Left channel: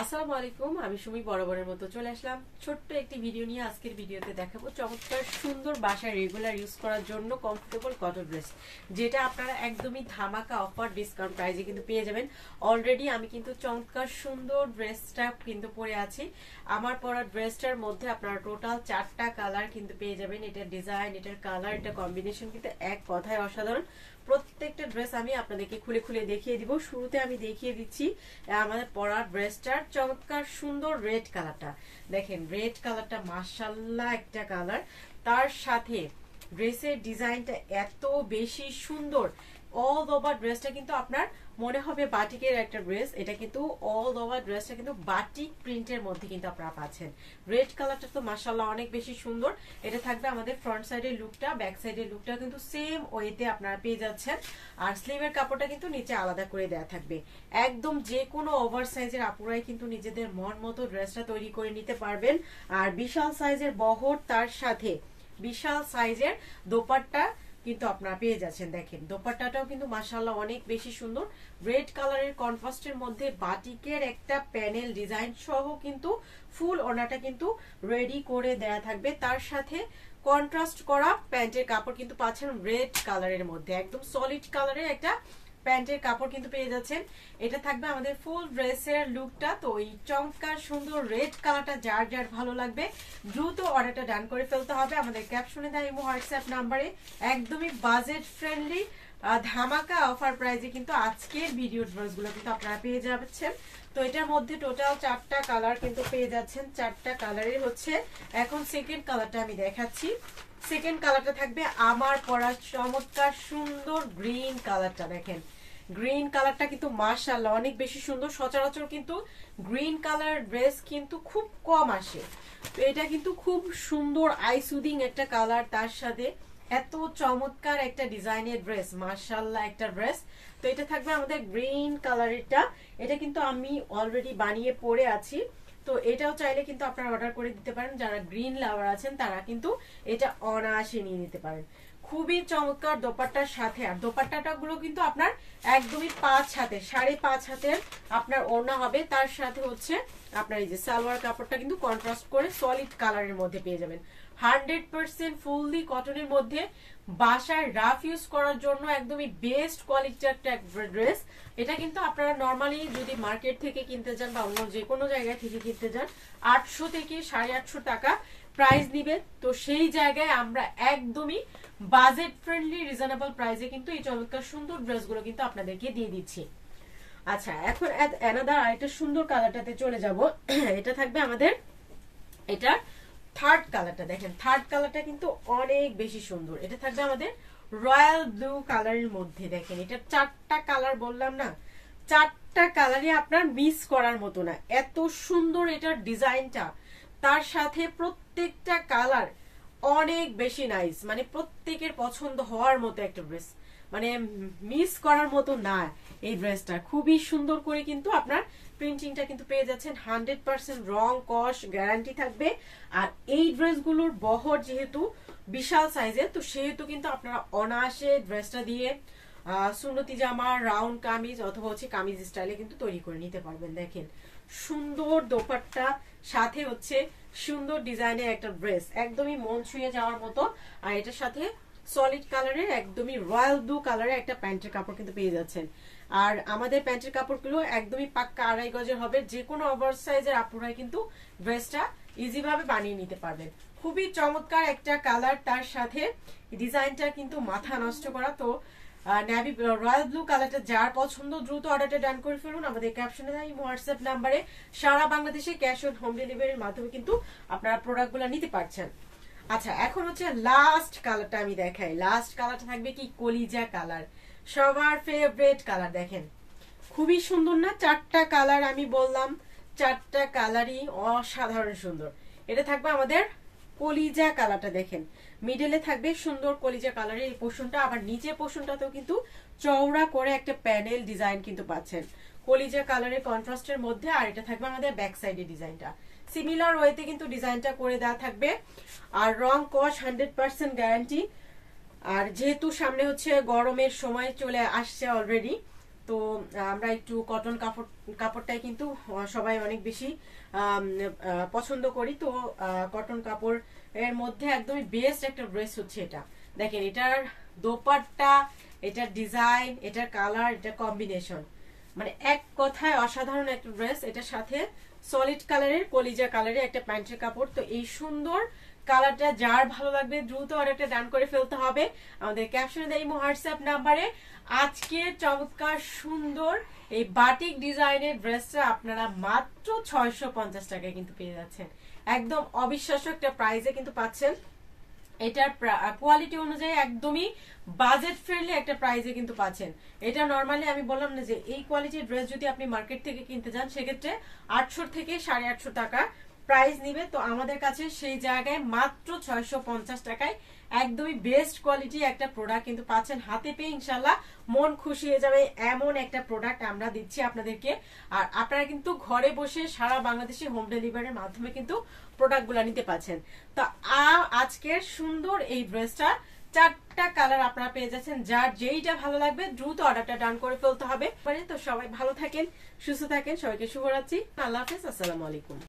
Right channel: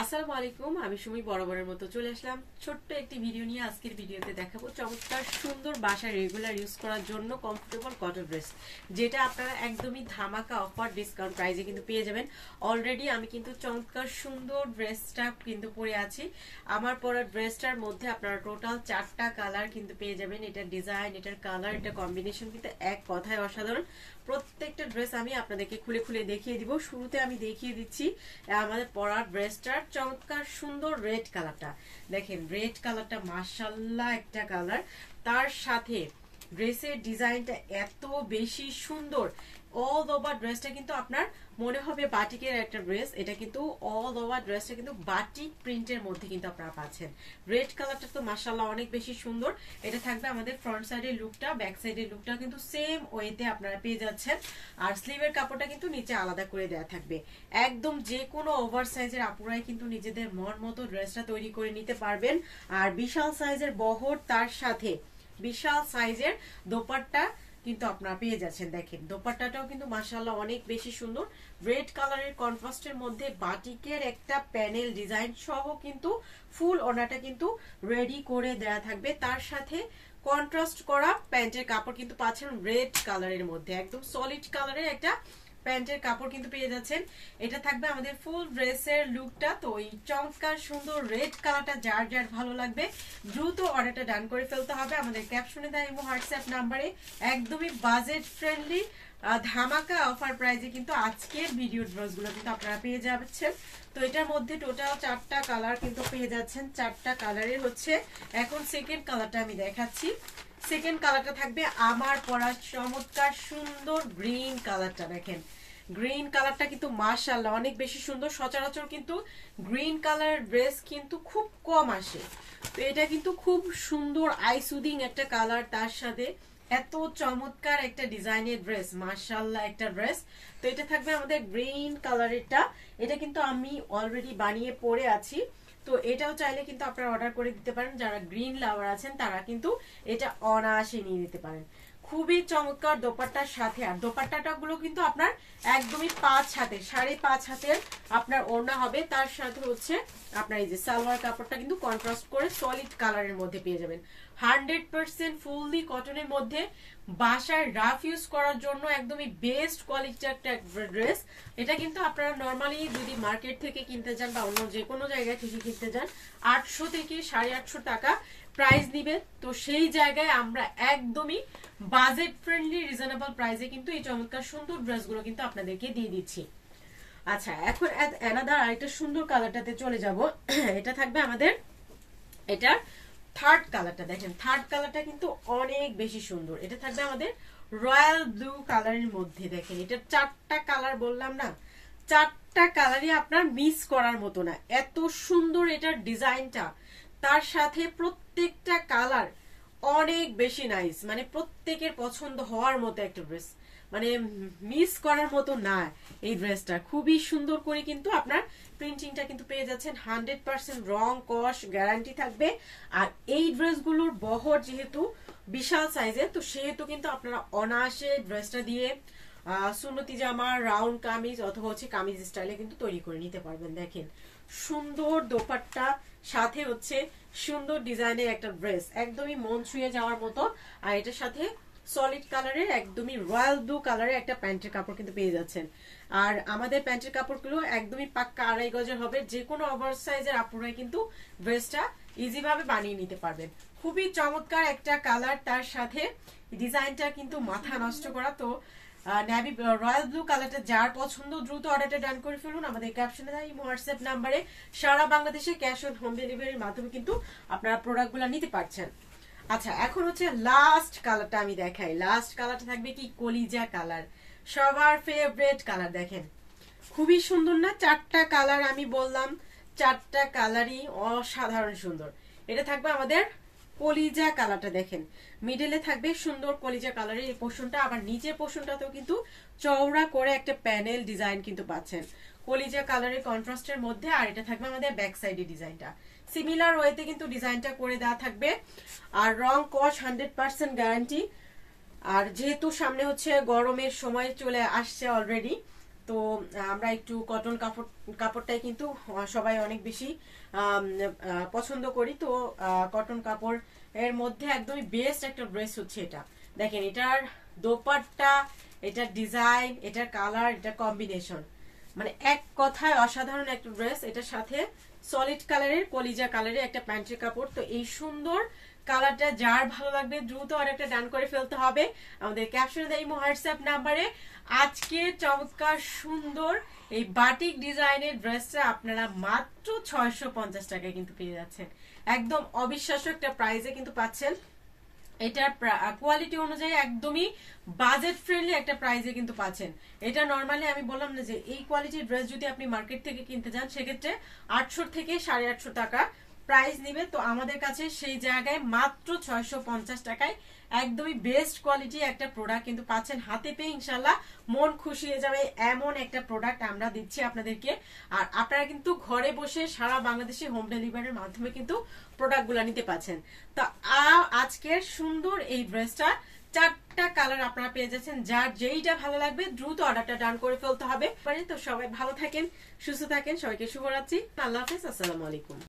আসসালামু আলাইকুম, আমি সুমি বরাবরের মতো চলে আসলাম ছোট্ট একটি ভিডিও নিয়ে। আজকের ভিডিওতে দেখাবো চমৎকার সুন্দর বাসায় রেগুলার ইউজ করার জন্য কমফোর্টেবল কটন ড্রেস, যেটা আপনারা একদমই ধামাকা অফার ডিসকাউন্ট প্রাইসে কিন্তু পেয়ে যাবেন। অলরেডি আমি কিন্তু চমৎকার সুন্দর ড্রেসটা কিন্তু পরে আছি। আমার পরা ড্রেসটার মধ্যে আপনারা টোটাল 4টা কালার কিন্তু পেয়ে যাবেন। এটার ডিজাইন, এটার কালার, এটা কম্বিনেশন কিন্তু এক কথায় অসাধারণ। প্রত্যেকটা ড্রেস আমি আপনাদেরকে খুলে খুলে দেখিয়ে দিব। শুরুতে আমি দেখিয়ে দিচ্ছি আমাদের পরার ড্রেসটার চমৎকার সুন্দর রেড কালারটা। দেখেন রেড কালারটা মাশাআল্লাহ একটা কালার, তার সাথে ড্রেসের ডিজাইনটা এত বেশি সুন্দর। অল ওভার ড্রেসটা কিন্তু আপনার মনে হবে বাটিকের একটা ড্রেস। এটা কিন্তু অল ওভার ড্রেসটা কিন্তু বাটিক প্রিন্টের মধ্যে কিন্তু আপনারা পাচ্ছেন। রেড কালারটা তো মাশাআল্লাহ অনেক বেশি সুন্দর। এটা থাকবে আমাদের ফ্রন্ট সাইডের লুকটা, ব্যাক সাইডের লুকটা কিন্তু সেম ওয়েতে আপনারা পেয়ে যাচ্ছেন। আর স্লিভের কাপড়টা কিন্তু নিচে আলাদা করে দেওয়া থাকবে। একদম যে কোনো ওভার সাইজের আপুরাই কিন্তু নিজেদের মন মতো ড্রেসটা তৈরি করে নিতে পারবেন। আর বিশাল সাইজের বহর, তার সাথে বিশাল সাইজের দোপাট্টা কিন্তু আপনারা পেয়ে যাচ্ছেন। দেখেন দোপাট্টাটাও কিন্তু মাশাআল্লাহ অনেক বেশি সুন্দর। রেড কালারের কন্ট্রাস্টের মধ্যে বাটিকের একটা প্যানেল ডিজাইন সহ কিন্তু ফুল ওনাটা কিন্তু রেডি করে দেয়া থাকবে। তার সাথে কন্ট্রাস্ট করা প্যান্টের কাপড় কিন্তু পাচ্ছেন রেড কালারের মধ্যে, একদম সলিড কালারের একটা প্যান্টের কাপড় কিন্তু পেয়ে যাচ্ছেন। এটা থাকবে আমাদের ফুল ড্রেসের লুকটা। তো এই চমৎকার সুন্দর রেড কালারটা যার যার ভালো লাগবে দ্রুত অর্ডারটা ডান করে ফেলতে হবে আমাদের ক্যাপশনে দেওয়া ইমো হোয়াটসঅ্যাপ নাম্বারে। একদমই বাজেট ফ্রেন্ডলি ধামাকা অফার প্রাইজে কিন্তু আজকের ভিডিও ড্রেসগুলো কিন্তু আপনারা পেয়ে যাচ্ছেন। তো এটার মধ্যে টোটাল 4টা কালার কিন্তু পেয়ে যাচ্ছেন। 4টা কালারের হচ্ছে এখন সেকেন্ড কালারটা আমি দেখাচ্ছি। সেকেন্ড কালারটা থাকবে আমার পরা চমৎকার সুন্দর গ্রিন কালারটা। দেখেন গ্রিন কালারটা কিন্তু মাশাআল্লাহ অনেক বেশি সুন্দর। সচরাচর কিন্তু গ্রিন কালারের ড্রেস কিন্তু খুব কম আসে। তো এটা কিন্তু খুব সুন্দর আই সুদিং একটা কালার, তার সাথে এত চমৎকার একটা ডিজাইনের ড্রেস, মাশাআল্লাহ একটা ড্রেস। তো এটা থাকবে আমাদের গ্রিন কালারেরটা। এটা কিন্তু আমি অলরেডি বানিয়ে পরে আছি। তো এটাও চাইলে কিন্তু আপনারা অর্ডার করে দিতে পারেন। যারা গ্রিন লাভার আছেন তারা কিন্তু এটা অনায়াসে নিয়ে নিতে পারেন। খুবই চমৎকার দোপাট্টার সাথে। আর দোপাট্টাটা গুলো কিন্তু আপনার একদমই 5 হাতে, 5.5 হাতের আপনার ওড়না হবে। তার সাথে হচ্ছে আপনার এই যে সালোয়ার কাপড়টা কিন্তু কন্ট্রাস্ট করে সলিড কালারের মধ্যে পেয়ে যাবেন। 100% ফুললি কটনের মধ্যে বাসায় রাফ ইউজ করার জন্য একদমই বেস্ট কোয়ালিটির একটা ড্রেস। এটা কিন্তু আপনারা নর্মালি যদি মার্কেট থেকে কিনতে যান বা অন্য যে কোনো জায়গায় থেকে কিনতে যান 800 থেকে 850 টাকা প্রাইস নিবে। তো সেই জায়গায় আমরা একদমই বাজেট ফ্রেন্ডলি রিজনেবল প্রাইসে কিন্তু এই চমৎকার সুন্দর ড্রেসগুলো কিন্তু আপনাদেরকে দিয়ে দিচ্ছি। আচ্ছা, এখন অ্যানাদার আরেকটা সুন্দর কালারটাতে চলে যাব। এটা থাকবে আমাদের এটা থার্ড কালারটা। দেখেন থার্ড কালারটা কিন্তু অনেক বেশি সুন্দর। এটা থাকবে আমাদের রয়্যাল ব্লু কালারের মধ্যে। দেখেন এটা 4টা কালার বললাম না, 4টা কালারই আপনার মিস করার মতো না, এত সুন্দর এটার ডিজাইনটা। তার সাথে প্রত্যেকটা কালার অনেক বেশি নাইস, মানে প্রত্যেকের পছন্দ হওয়ার মতো একটা ড্রেস, মানে মিস করার মতো না এই ড্রেসটা। খুবই সুন্দর করে কিন্তু আপনার প্রিন্টিংটা কিন্তু পেয়ে যাচ্ছেন। 100% রং কস গ্যারান্টি থাকবে। আর এই ড্রেসগুলোর বহর যেহেতু বিশাল সাইজের, তো সেহেতু কিন্তু আপনারা অনায়াসে ড্রেসটা দিয়ে সুন্নতি জামা, রাউন্ড কামিজ অথবা হচ্ছে কামিজ স্টাইলে কিন্তু তৈরি করে নিতে পারবেন। দেখেন সুন্দর দোপাট্টা, সাথে হচ্ছে সুন্দর ডিজাইনের একটা ড্রেস, একদমই মন ছুঁয়ে যাওয়ার মতো। আর এটার সাথে সলিড কালারের একদমই রয়্যাল ব্লু কালারের একটা প্যান্টের কাপড় কিন্তু পেয়ে যাচ্ছেন। আর আমাদের প্যান্টের কাপড়গুলো একদমই পাক্কা 2.5 গজের হবে। যে কোনো ওভার সাইজের আপুরাই কিন্তু ড্রেসটা ইজি ভাবে বানিয়ে নিতে পারবেন। খুবই চমৎকার একটা কালার, তার সাথে ডিজাইনটা কিন্তু মাথা নষ্ট করা। তো নেভি রয়্যাল ব্লু কালারটা যার পছন্দ দ্রুত অর্ডারটা ডান করে ফেলুন আমাদের ক্যাপশনে দেওয়া ইমো হোয়াটসঅ্যাপ নাম্বারে। সারা বাংলাদেশে ক্যাশ অন হোম ডেলিভারির মাধ্যমে কিন্তু আপনারা প্রোডাক্টগুলো নিতে পারছেন। আচ্ছা, এখন হচ্ছে লাস্ট কালারটা আমি দেখাই। লাস্ট কালারটা থাকবে কি কলিজা কালার, সবার ফেভারিট কালার। দেখেন খুবই সুন্দর না? 4টা কালার আমি বললাম, 4টা কালারই অসাধারণ সুন্দর। এটা থাকবে আমাদের কলিজা কালারটা। দেখেন মিডলে থাকবে সুন্দর কলিজা কালারের এই পোর্শনটা, আবার নিচের পোর্শনটাতেও কিন্তু চওড়া করে একটা প্যানেল ডিজাইন কিন্তু পাচ্ছেন কলিজা কালারের কন্ট্রাস্টের মধ্যে। আর এটা থাকবে আমাদের ব্যাক সাইডে ডিজাইনটা সিমিলার ওয়েতে কিন্তু ডিজাইনটা করে দেওয়া থাকবে। আর রং কস 100% গ্যারান্টি। আর যেহেতু সামনে হচ্ছে গরমের সময় চলে আসছে অলরেডি, তো আমরা একটু কটন কাপড়টাই কিন্তু সবাই অনেক বেশি পছন্দ করি। তো কটন কাপড় এর মধ্যে একদমই বেস্ট একটা ড্রেস হচ্ছে এটা। দেখেন এটার দোপাট্টা, এটার ডিজাইন, এটার কালার, এটা কম্বিনেশন, মানে এক কথায় অসাধারণ একটা ড্রেস। এটার সাথে সলিড কালারের কলিজা কালারের একটা প্যান্টের কাপড়। তো এই সুন্দর কালারটা যার ভালো লাগবে দ্রুত অর্ডারটা ডান করে ফেলতে হবে আমাদের ক্যাপশনে দেই হোয়াটসঅ্যাপ নাম্বারে। আজকে চমৎকার সুন্দর এই বাটিক ডিজাইনের ড্রেসটা আপনারা মাত্র 650 টাকায় কিন্তু পেয়ে যাচ্ছেন। একদম অবিশ্বাস্য একটা প্রাইসে কিন্তু পাচ্ছেন। এটার কোয়ালিটি অনুযায়ী একদমই বাজেট ফ্রেন্ডলি একটা প্রাইসে কিন্তু পাচ্ছেন। এটা নরমালি আমি বললাম না যে এই কোয়ালিটির ড্রেস যদি আপনি মার্কেট থেকে কিনতে যান সেক্ষেত্রে 800 থেকে 850 টাকা প্রাইস নিবে। তো আমাদের কাছে সেই জায়গায় মাত্র 650 টাকায় একদমই বেস্ট কোয়ালিটি একটা প্রোডাক্ট কিন্তু পাচ্ছেন। হাতে পেয়ে ইনশাল্লাহ মন খুশি হয়ে যাবে এমন একটা প্রোডাক্ট আমরা দিচ্ছি আপনাদেরকে। আর আপনারা কিন্তু ঘরে বসে সারা বাংলাদেশে হোম ডেলিভারির মাধ্যমে কিন্তু প্রোডাক্ট গুলা নিতে পাচ্ছেন। তো আজকের সুন্দর এই ড্রেসটা 4টা কালার আপনারা পেয়ে যাচ্ছেন। যার যেইটা ভালো লাগবে দ্রুত অর্ডারটা ডান করে ফেলতে হবে। তো সবাই ভালো থাকেন, সুস্থ থাকেন, সবাইকে শুভরাত্রি, আল্লাহ হাফেজ, আসসালামু আলাইকুম।